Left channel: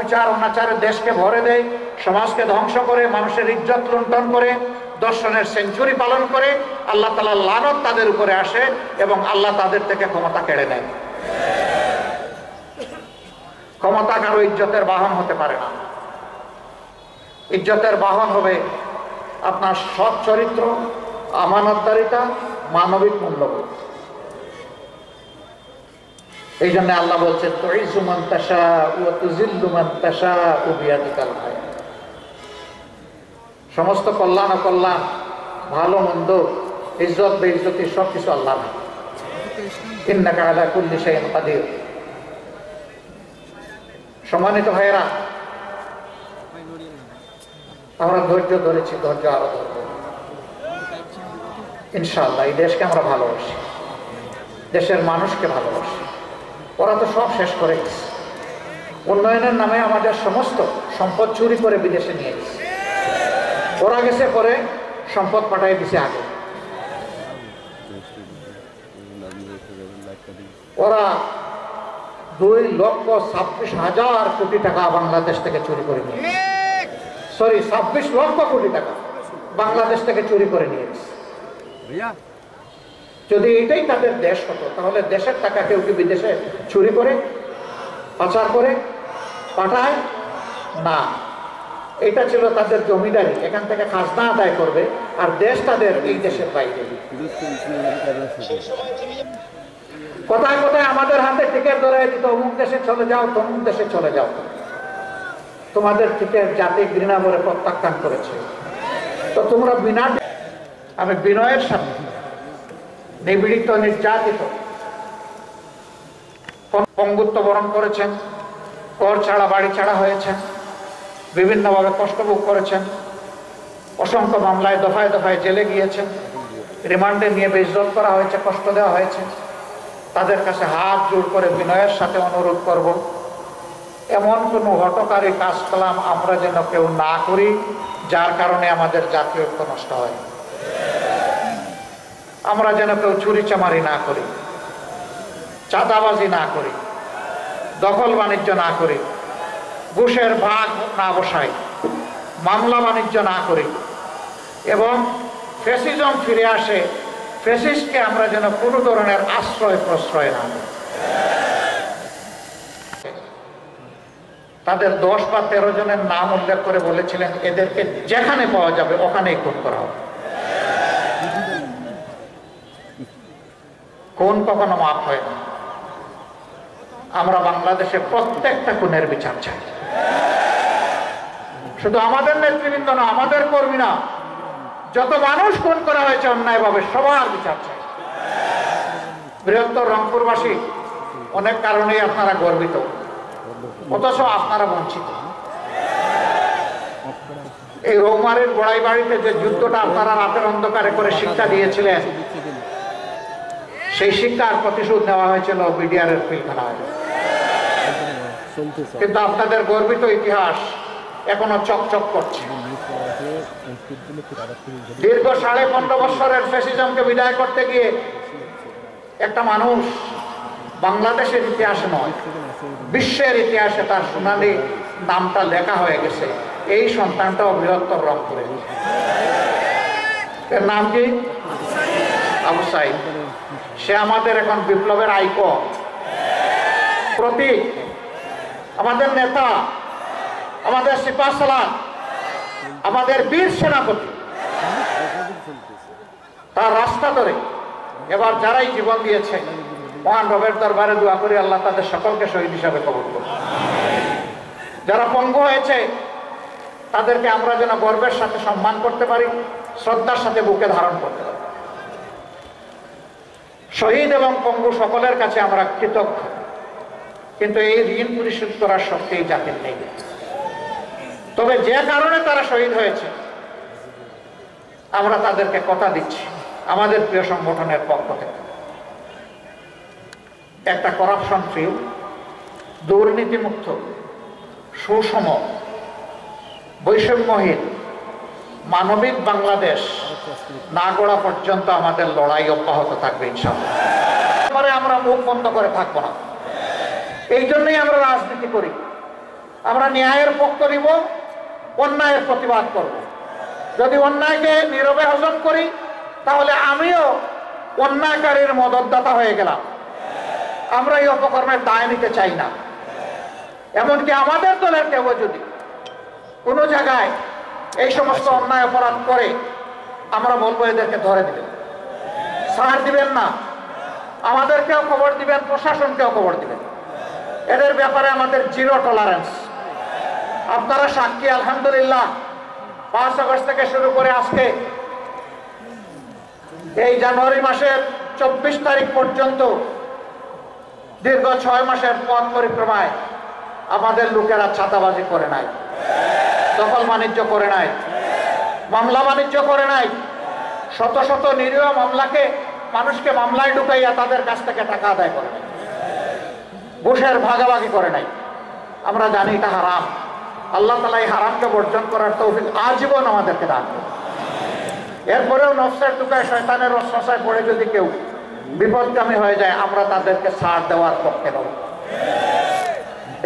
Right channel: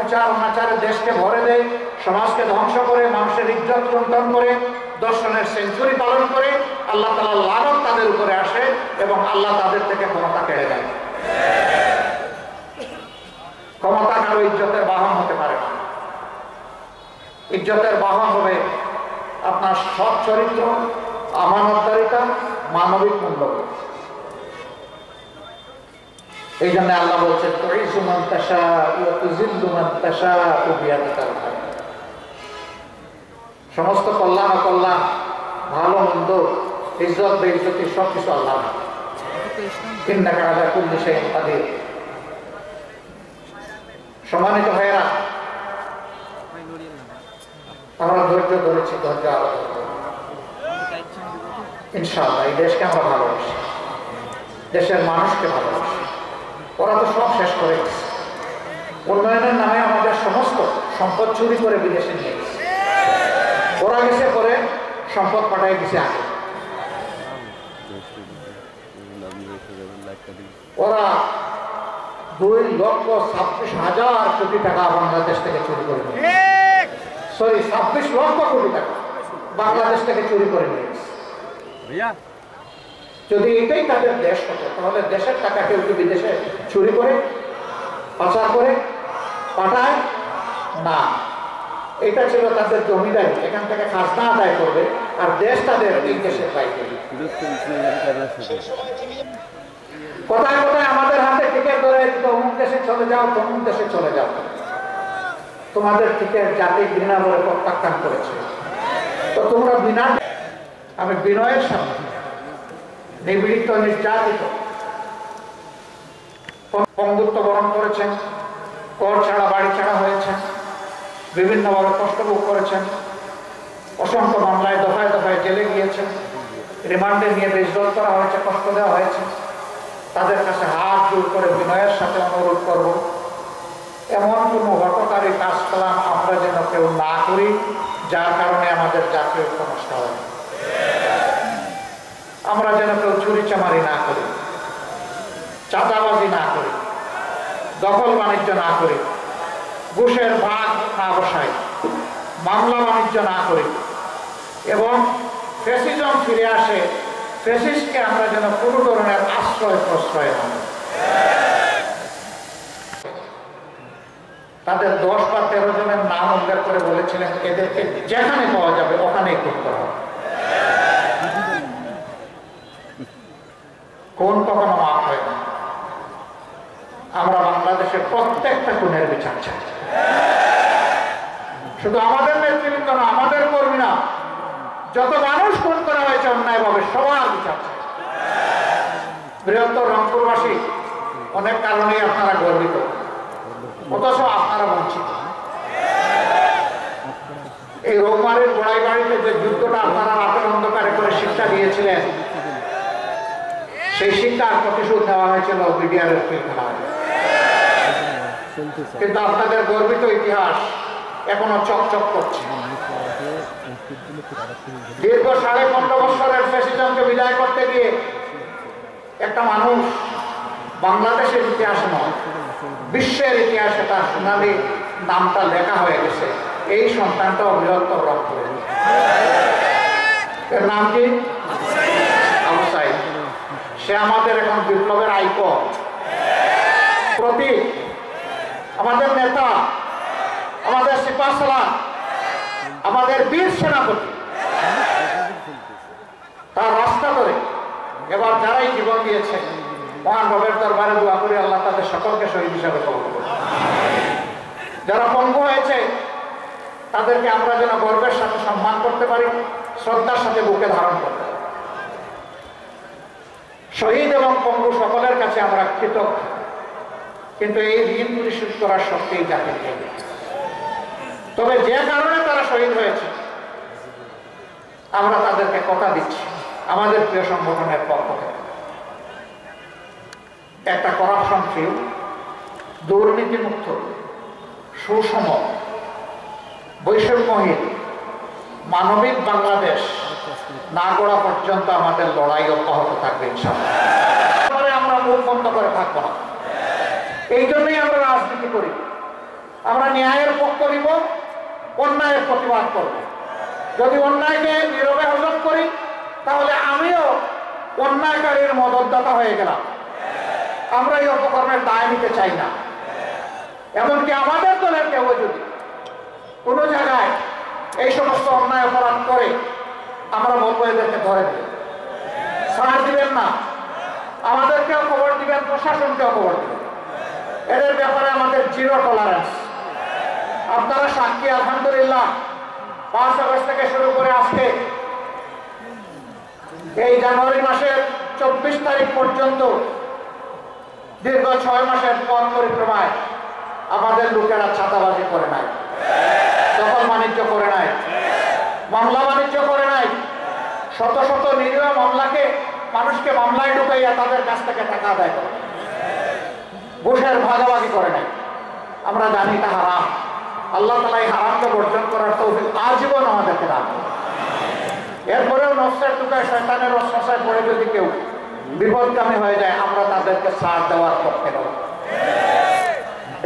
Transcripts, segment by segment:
অবিচার অনাচারে দেশকে ভরে দেয়, সমাজকে ধ্বংস করে, মানুষের ইজ্জত লুণ্ঠন করে, দর্শনের সেঞ্চুরি পালন করে, আল্লাহ তাআলার লানত তাদের উপরে আসে এবং আল্লাহ তাদের থেকে ক্ষমতা কেড়ে নেয়। ক্ষমতা কারো ইজ্জতের বাহন হতে পারে না। ইজ্জতের বাহন হবে আপনার সৎ চরিত্র, আমানতদারিতা, মানবিক মূল্যবোধ। এই জন্য আল্লাহ বলছেন, তুইজ্জু মান তাশাউ ওয়া তুযিল্লু মান তাশাউ বিয়াদিকাল খায়র। সমস্ত কল্যাণ অকল্যাণ, ভালো মন্দ, ইজ্জত বেইজ্জতি সবকিছু আল্লাহর হাতে। ইন্নাকা আলা কুল্লি শাইইন কাদির। সম্মানিত ভাইয়েরা, আমরা ধৈর্য ধরেছি, ধৈর্য আরো ধরব ইনশাআল্লাহ। এই দেশকে আমরা ভালোবাসি, দেশের মানুষকে ভালোবাসি। ওরা তো সব শেষ করে গেছে। উন্নয়নের নামে আমাদের সমস্ত সম্পদ চুরি করে বিদেশে নিয়ে গেছে। ওরা গেছে পরে সম্পদ পাঠাই দিছে আগে। ওরা 2,26,000 কোটি টাকা বাংলাদেশ থেকে চুরি করে নিয়ে গেছে। সরি, 26 লক্ষ কোটি টাকা বাংলাদেশ থেকে চুরি করে নিয়ে গেছে। যদি এটাই তাদের দেশ হতো, তাহলে দেশের টাকা কেউ কি বিদেশে চুরি করে, পাচার করে পাঠায় না। এটা ছিল তাদের জমিদারি, এখান থেকে খাজনা আদায় করবে, আর দেশ তাদের এই দেশের বাইরে। কোথায় কোথায় আমাদের হাতে টিকিট ধরে দিত, অমুক দেশে চলে যাও, তমুক দেশে চলে যাও। তোমাদের টিকিট জাতি ঘৃণা বলে প্রত্যাখ্যান করেছে। তো তোমরা বিনা, আমি বিনয়ের সাথে, নিপীড়িত, নির্যাতিত, পঙ্গুত্ব বরণ করেছেন, ঘর ছাড়া বাড়ি ছাড়া হয়েছেন, বিভিন্নভাবে কষ্ট ভোগ করেছেন, অসংখ্য মামলায় দফায় দফায় জেলে গিয়েছেন, রিমান্ডে নিয়ে বেইজ্জত করা হয়েছে, কষ্ট দেওয়া হয়েছে। তাদের কাছে হাত জোড় করে বিনয়ের সাথে অনুরোধ করব, এমন কোনো হঠকারী কাজ কালাম আমরা যেন কেউ না করি যার কারণে আমাদের জাতীয় ঐক্য নষ্ট হয়। আমরা যেন কেউ চুরি চামারি না করি, চাঁদাবাজি না করি, দখল বাণিজ্য না করি, ঘুষের ভাগ না বসাই, মামলা বাণিজ্য না করি, এবং ফ্যাসিজম ফিরে আসে, ফ্যাসিস্টকে আমরা যেন কোনো ধরনের আশ্রয় প্রশ্রয় না। তাদের 10 বা 13 জনের নাম উল্লেখ করে বলেছিলেন, এদেরকে যেখানে পাওয়া যাবে ওখানেই খুন করা হবে। খুন কখনো মাফ হয় না। আমরা বাংলাদেশে প্রত্যেকটা খুনের বিচার চাই। শুধু আমাদের নেতৃবৃন্দ না, আমাদের কর্মী না, যত মানুষ খুন করা হয়েছে অন্যায়ভাবে সবার বিচার চাই। বৃহত্তর রংপুরবাসী অনেক কারণেই আপনারা গর্বিত, অথচ আপনারা বঞ্চিত। এই রৌমারের গোড়াই বাড়িতে যে যুদ্ধটা আপনারা রাতের অন্ধকারে করে শিক্ষা দিয়েছিলেন, সেই শিক্ষার প্রতিশোধ নেওয়া হয়েছিল বিডিআরের পিলখানায়। কিন্তু আপনাদের গর্বিত ইতিহাস এখনো চকচক করছে। দীর্ঘ 15.5 বছরের ফ্যাসিজমকে বিদায় করতে গিয়ে একটা মানুষ বাংলাদেশের ইতিহাসে নয়, বিশ্বের ইতিহাসে তার সোনালী নামটা লেখা হয়ে গেছে। এই সন্তানটাও বৃহত্তর রংপুরে। এর নাম কি? আবু সাইদ। সে আমাদের এখন বিপ্লবের আইকন, প্রতীক, আমাদের নেতা, আমাদের সিপাহসালার, আমাদের বীর সেনাপতি। তার রাস্তা ধরে এবার যারাই জীবন দিয়েছে, মহান রবের দরবারে দোয়া করি আল্লাহ তাদের সকলকে শহীদ হিসাবে কবুল করুন। যারা পঙ্গু হয়েছে তাদেরকে আমরা যেন গর্বের সাথে সম্মান করতে পারি, শ্রদ্ধার সাথে বুকে ধারণ করতে পারি। শহীদ এবং পঙ্গু সকলের কাছে আমরা কৃতজ্ঞ, কিন্তু এই ঋণ পরিশোধ করার শক্তি এই জাতির নেই। তবে যে কারণে তারা শহীদ হয়েছে, আমরা তাদেরকে কথা দিচ্ছি আমাদের প্রিয় সংগঠনের পক্ষ থেকে, একটা করাপশন ফ্রি, দুর্নীতিমুক্ত, সুষম, বৈষম্যহীন, মানবিক বাংলাদেশ না গড়া পর্যন্ত আমাদের লড়াই অব্যাহত থাকবে ইনশাআল্লাহ। আমরা মুখ বন্ধ করে থাকবো না। এই জন্যই আমরা রাজনীতি করি। আমরা ন্যায়ের পক্ষ নিব, অন্যায়ের প্রতিবাদ করব। যদি অন্যায়কে নীরবে হজম করি তাহলে আমিও অন্যায়কারীর মদতদাতা হয়ে গেলাম। আমরা এই অপকর্মের দায় নিতে চাই না। এমনকি আমাদের দলের কেউ যদি কোনো জায়গায় এই সমস্ত অন্যায় অপরাধ করে, আমরা বলবো এদেরকে ধরে দিবেন, ছাড় দিবেন না। আমাদেরকেও খবর দিবেন, প্রশাসনকেও খবর দিবেন। এদের ব্যাপারে আমাদের জিরো টলারেন্স। আপনারা সাক্ষী, আলহামদুলিল্লাহ 5 আগস্ট থেকে শুরু করে আজকে এই জানুয়ারি মাসের 24 তারিখ পর্যন্ত দীর্ঘ 6 মাসের পথ পরিক্রমায় আমাদের লোকেরা ছাতাবাজি করে নাই, দখল বাণিজ্য করে নাই, মামলা বাণিজ্য করে নাই। শত শত নিরীহ মানুষকে মামলায় ঢুকাইয়া তাদের কাছ থেকে টাকা আদায় করে, ঘুষের ভাগাভাগি করে নাই। আমরা জানি এটা হারাম। আল্লাহ তাআলা এই হারামকে বর্জন করার তৌফিক আজীবন আমাদেরকে দান করুন। এরপরেও নফসের টুকায় শয়তানের ওয়াসওয়াসায় পড়ে যদি কেউ বিপদগামী হয়ে যায়, আমরা তাদেরকে ছাড় দেওয়ার পক্ষে নই।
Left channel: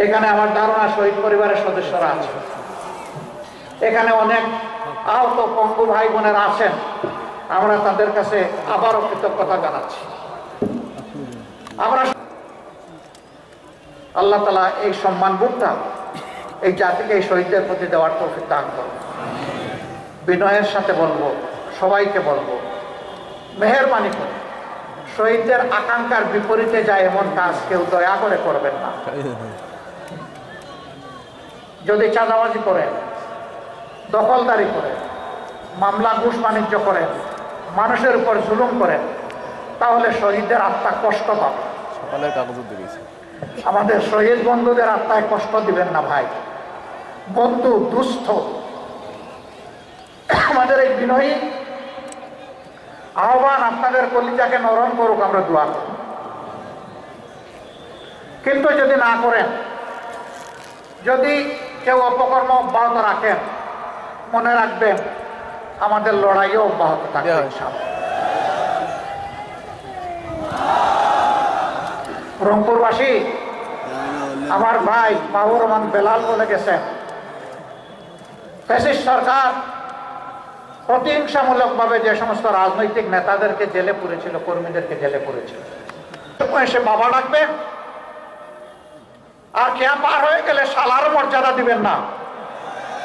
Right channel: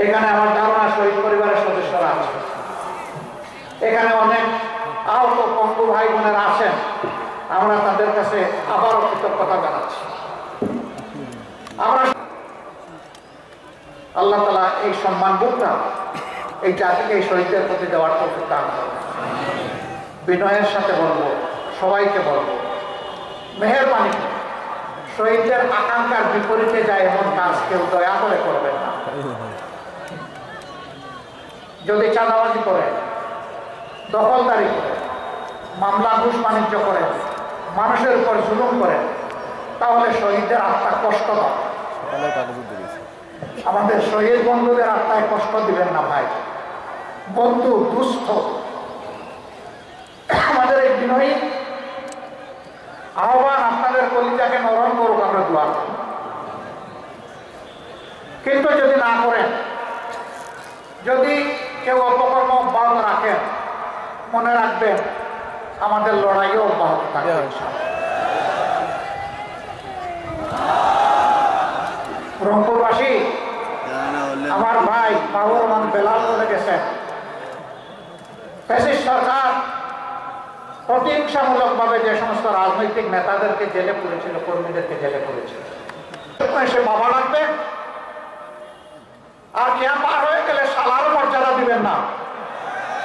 এখানে আমার ধারণা শহীদ পরিবারের সদস্যরা আছে, এখানে অনেক আহত পঙ্গু ভাই বোনেরা আছেন। আমরা তাদের কাছে আবারও কৃতজ্ঞতা জানাচ্ছি। আমরা আল্লাহ তাআলা এই সম্মানবোধটা এই জাতিকে, এই শহীদদের প্রতি দেওয়ার তৌফিক দান করুন। বিনয়ের সাথে বলবো, সবাইকে বলবো, মেহেরবানি করে শহীদদের আকাঙ্ক্ষার বিপরীতে যায় এমন কাজ কেউ দয়া করে করবেন না। যদি চাঁদাবাজি করেন, দখলদারি করেন, মামলা ঘুষ বাণিজ্য করেন, মানুষের উপর জুলুম করেন, তাহলে শহীদদের আত্মা কষ্ট পাবে। আমাদের শহীদ বন্ধুদের আত্মায় কষ্ট দিবেন না ভাই। বন্ধু দুস্থ, আমাদের এই বিনয়ী আহ্বান আপনাদের কলিজাকে নরম করুক, আমরা দোয়া করি। কিন্তু যদি না করেন, যদি কেউ অপকর্ম অব্যাহত রাখেন, মনে রাখবেন আমাদের লড়াইও অব্যাহত থাকবে ইনশাআল্লাহ। রংপুরবাসী আমার ভাই মাহবুব রহমান বেলাল বলে গেছেন, ফ্যাসিস্ট সরকার প্রতিহিংসামূলকভাবে যে সমস্ত রাজনৈতিক নেতাদেরকে জেলে পুরেছিল, কর্মীদেরকে জেলে পুরেছিল, সে বাবা ডাকবে, আর খেয়া পার হয়ে গেলে শালার মর্যাদা দিবেন না।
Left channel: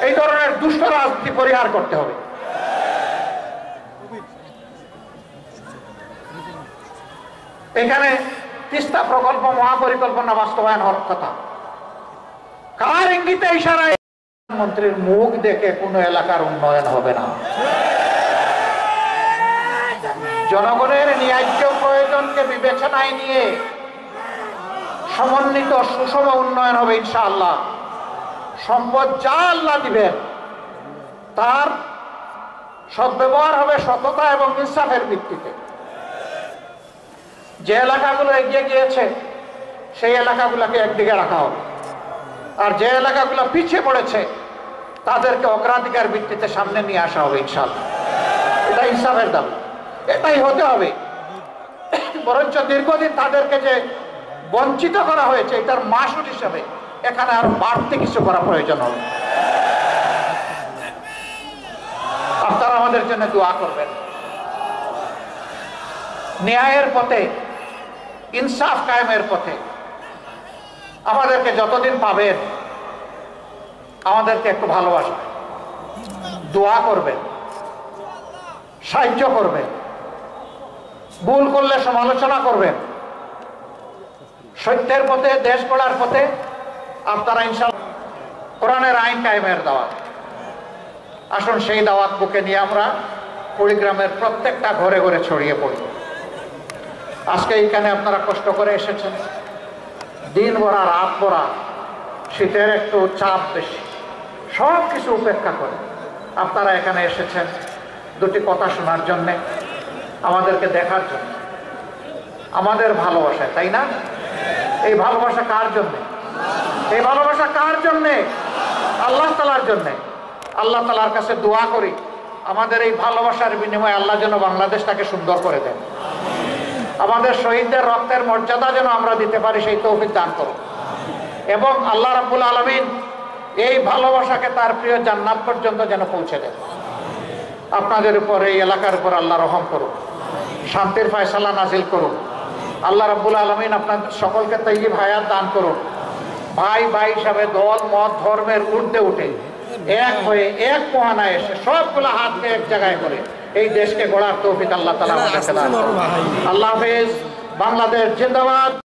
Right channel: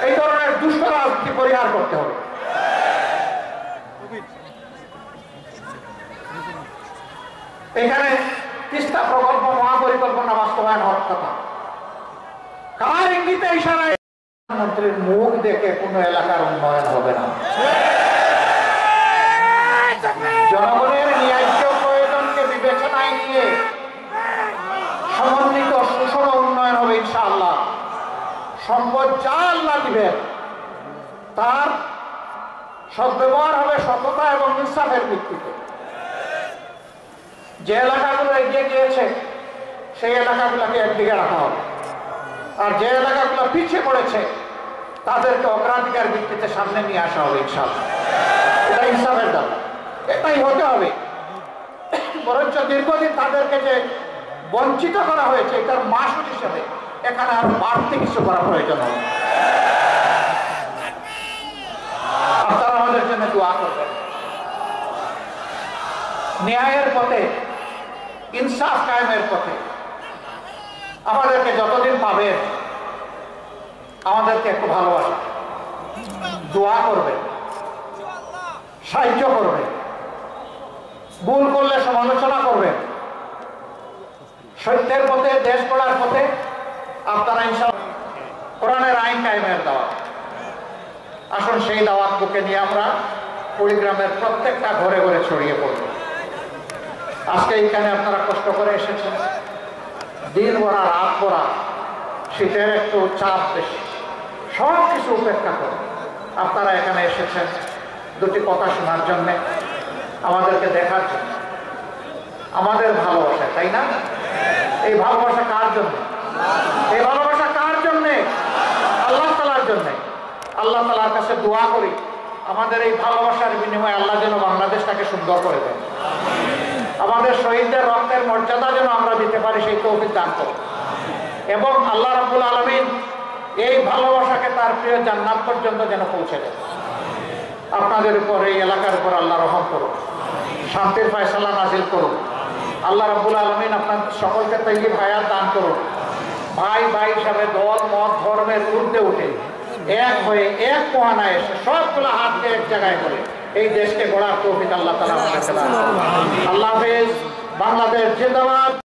এই ধরনের দুষ্ট রাজনীতি পরিহার করতে হবে। এখানে তিস্তা প্রকল্প মহাপরিকল্পনা বাস্তবায়ন হওয়ার কথা। কার ইঙ্গিতে ইশারায়? প্রধানমন্ত্রীর মুখ দেখে কোন এলাকার উন্নয়ন হবে না। জনগণের ন্যায্য প্রয়োজনকে বিবেচনায় নিয়ে সমন্বিত সুষম উন্নয়ন হবে ইনশাআল্লাহ। সম্পদ যা আল্লাহ দিবেন তার সদ্ব্যবহার হবে সততা এবং ইনসাফের ভিত্তিতে। যে এলাকাগুলো এগিয়ে গিয়েছে সেই এলাকাগুলোকে একদিকে রাখা হবে, আর যে এলাকাগুলো পিছিয়ে পড়েছে তাদেরকে অগ্রাধিকার ভিত্তিতে সামনে নিয়ে আসা হবে ইনশাআল্লাহ। এটা ইনসাফের দাবি, এটাই হতে হবে। বরঞ্চ দীর্ঘদিন তাদেরকে যে বঞ্চিত করা হয়েছে এটার মাসুল হিসাবে এখানে আর বাড়তি কিছু করা প্রয়োজন হবে। আপনারা আমাদের জন্য দোয়া করবেন। ন্যায়ের পথে, ইনসাফ কায়েমের পথে আমাদেরকে যতদিন পাবেন আমাদেরকে একটু ভালোবাসা, দোয়া করবেন, সাহায্য করবেন, ভুল করলে সমালোচনা করবেন। সত্যের পথে, দেশ গড়ার পথে আপনারা ইনশাআল্লাহ কোরআনের আইন কায়েমের দাওয়াত। আসুন সেই দাওয়াত বুকে নিয়ে আমরা কুড়িগ্রামের প্রত্যেকটা ঘরে ঘরে ছড়িয়ে পড়ব। আজকে এইখানে আপনারা কষ্ট করে এসেছেন, দিন ভরা রাত ভরা, শীতের একটু চাপ বেশি, সব কিছু উপেক্ষা করে আপনারা এখানে এসেছেন দুটি কথা শোনার জন্যে, আমাদেরকে দেখার জন্য, আমাদের ভালোবাসায়, তাই না? এই ভালোবাসা কার জন্য? এই ভালোবাসা কার জন্যে? আল্লাহ তাআলার জন্যে। আল্লাহ তাআলার কাছে দোয়া করি আমাদের এই ভালোবাসার বিনিময়ে আল্লাহ যেন বাংলাদেশটাকে সুন্দর করে দেন, আমাদের শহীদদের রক্তের মর্যাদা যেন আমরা দিতে পারি সেই তৌফিক দান করুন, এবং আল্লাহ রাব্বুল আলামিন এই ভালোবাসাকে তার প্রিয় জান্নাত পর্যন্ত যেন পৌঁছে দেয়। আপনাদের উপর, এই এলাকার উপর আল্লাহ রহম করুন, শান্তির ফয়সালা নাজিল করুন। আল্লাহ রাব্বুল আলামিন আপনাদের সকলকে তাইয়্যিব হায়াত দান করুন। ভাই ভাই হিসাবে দল মত ধর্মের ঊর্ধ্বে উঠে এক হয়ে এক মহানায় এসে সবগুলো হাতকে এক জায়গায় করে এই দেশকে গড়ার তৌফিক আল্লাহ তাআলা আমাদেরকে দান করুন। আল্লাহ হাফেজ। বাংলাদেশ জিন্দাবাদ।